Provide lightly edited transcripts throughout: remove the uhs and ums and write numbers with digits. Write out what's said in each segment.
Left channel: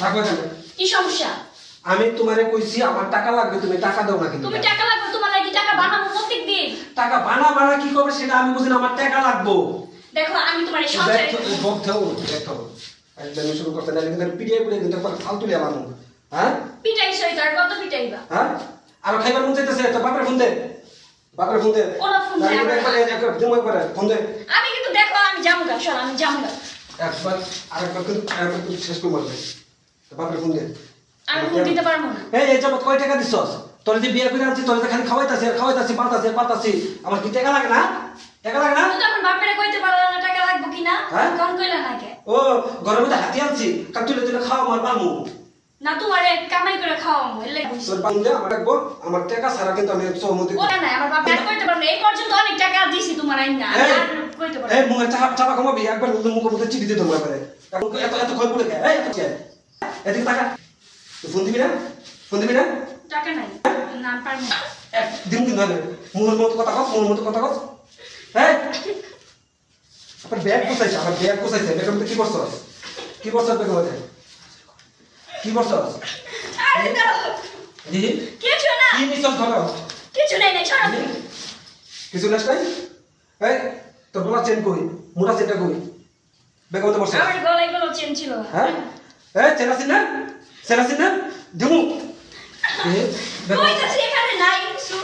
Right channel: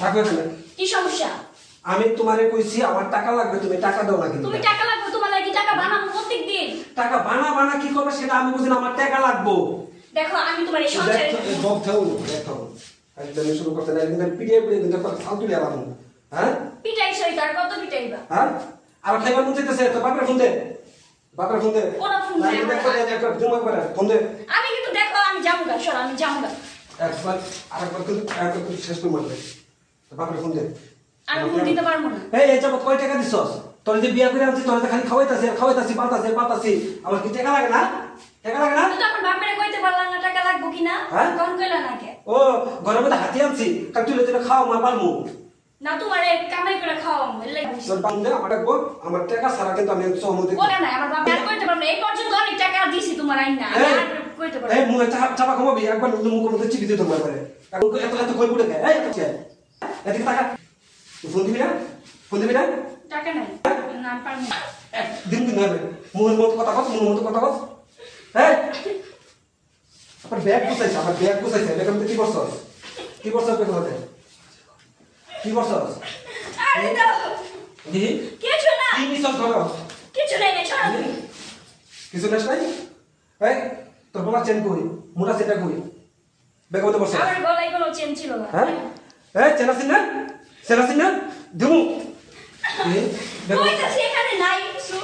থাকো এখানে। কি সমস্যা? আমি তোমারে কইছি আমার টাকা লাগবে, তুমি টাকা দাও না কিন্তু। তুমি টাকা লাগবে, তোমার লাগি টাকা বানাবো প্রত্যেকদিন। টাকা বানা কি করবে সেটা আমি বুঝি না, আমার টাকা লাগবে। দেখো আমি তোমার এই সংসারে দেখো একদম শুরু করতে না, কিন্তু পিটিয়ে কিন্তু ফালতু লিয়া বানু। হ্যাঁ পিটাই সই তার কত পিটাইবা? হ্যাঁ আর খাইবার মন চাইতেছে তো বাপরে ফোন দে, বাপরে ফোন দে। কোন ফোন দে? ফোন দে। আমি কিন্তু দেখো আমি যামুগা, চল আমি যামুগা। একবার আরেকবার কিন্তু শেষ করে মারবে। বাপরে ফোন দে। আমি ফোন দিতে পারবো না। এই যাবত কয় টাকা দিছস? তোর যে বিয়া করে আনছি, তোর যে খালি খাওয়াইতাছি পাতাছি, আমার কি টাকা লাগে না? টাকা লাগে না? তুই তখন বাপরে কইতে পারলা না টাকা লাগবে কিনা? কোন কইলা না কে? ও ঘরের মধ্যে হাতি আনছি, কাল তুই যদি খাওয়া আমার পারমু না, তোমারে কামাই করে খাওয়ামু এলে কইছি। তোর বান্দে আমার একবার আমার টাকা ছাড়া কিন্তু আমি সহমতি বলে না আমার বাপ আর কইতে পারবো না। এই পর্যন্ত অনেক টাকা দিছি তোমার আইন না, আমি আর কইতে পারবো এই মুখে চাপা কমাবি, একবার মুখের মধ্যে চিপি দিতে তোমার পারে। এত কই পড়ে খায়, এই এদিকে টাকা ফোন দিবি না? ফোন দিবি না? টাকা নাই না, পারবো না। একদিন কিন্তু হবে মুখের মতো কথা কস। হ্যাঁ আবার ব্যাগ গুছাইছে, ব্যাগের মধ্যে কি করছস? ব্যাগের মধ্যে কি করছস? আরে দাও দি কিছু না, কি নিছস ধরো? কিছু নাই না, ছাড়ো। কিছু লেস নাই? এই তোর বলা চেন কই? মোটা চেনটা কই? ব্যাগের মধ্যে বসছ? আমার গলায় কোনো চেন ছিল না। হ্যাঁ এই চেন আছে না দিমু কইতাছি এখানে নাই কিছু।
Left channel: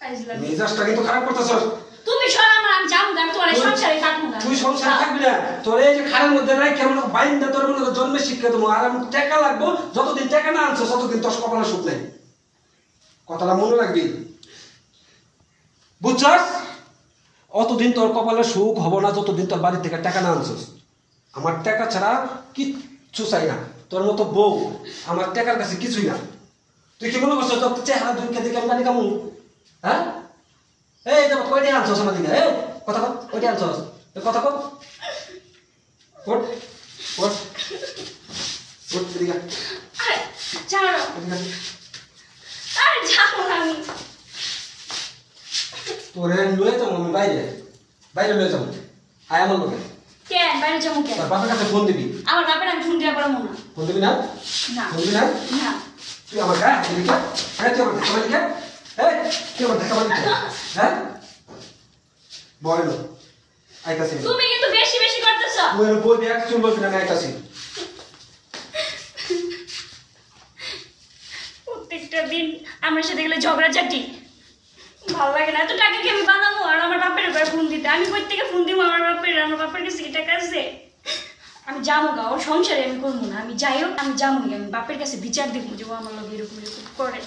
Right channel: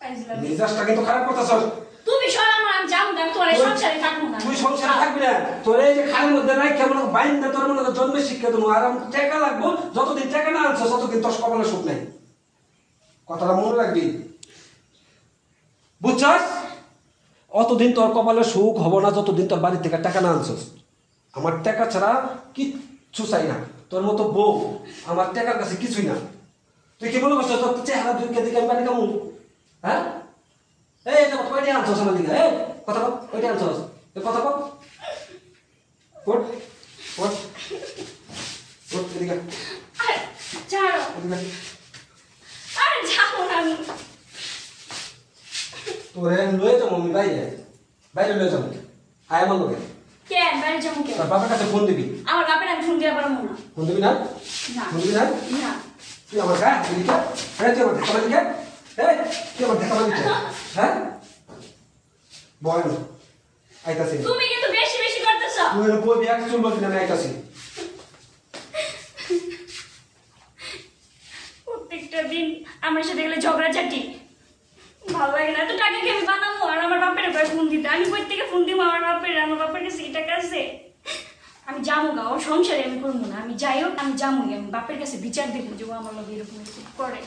আইজলাম। মেজাজটা কিন্তু খারাপ করতেছস। তুমি সর আমার, আমি যামুগা, আমি তোমার এই সংসারে থাকবো না। তুই সংসারে থাকবি না, তোর এই যে খারাপ মধ্যে নাই কেমন বাইন্দা তোর মনে জন্মে শিক্ষা দেবো। আর আমি টাকা লাগবো, যতদিন টাকা না আনছো ততদিন তোর কপালে সুখ নাই। কথাটা মনে রাখবি, বুঝছস? অতদিন তোর কপালে সুখ হবো না যতদিন তোর বাড়ি থেকে টাকা না আনছস। আমার টাকা ছাড়া কিচ্ছু চাই না। তোর মতো বউ আমার টাকার কাছে কিছুই না। তুই কি মনে করছো তোর চেহারা দুইকে দেখে আমি বাড়ি কামু? হ্যাঁ এই তো কয়টা আনছস আমার দিকে? এই কথা কর, কয়টা আনছস? কথা কর। ওঠ এদিকে আরে ছাড়ো, আরে যাবো না আমি। তোরে লয়ে যাবো আমি বাইরে লয়ে যাবো। আয় আমার লোকে কেন বাইরে যাবো কেন? তোর বাবার কাছে ফোন দিবি। আমার বাপের আমি ফোন দিতে পারবো না। ফোন দিবি না? না ফোন দিবি না? না। তুই আমার গায়ে হাত দিবি কে? হ্যাঁ তুই আমার দেখা পালি কে? তুই আমার দেখা পালি কে? হ্যাঁ বয় না আইতাছি। তুমি কিন্তু বেশি বেশি করতেছো। তুই বই দেখ, তুই বলবি না আমি আইতাছি। প্রত্যেকটা দিন আমার সাথে গেলে ঝগড়াঝাটি, ভালো লাগে না। এত টাকা কি আমি বানাবো? আর আমার বাপের কয় ফোন দিতে, আমি কই থেকে ফোন দিব আমার বাপের কাছে কি টাকা আছে? আমি যাবো গা, ওর সংসারে আমি করবো না। আমি যাই হোক আমি যাবোই, আমি বাপের কাছে বিচার দেখবো যে ও আমার লগে এরকম করে।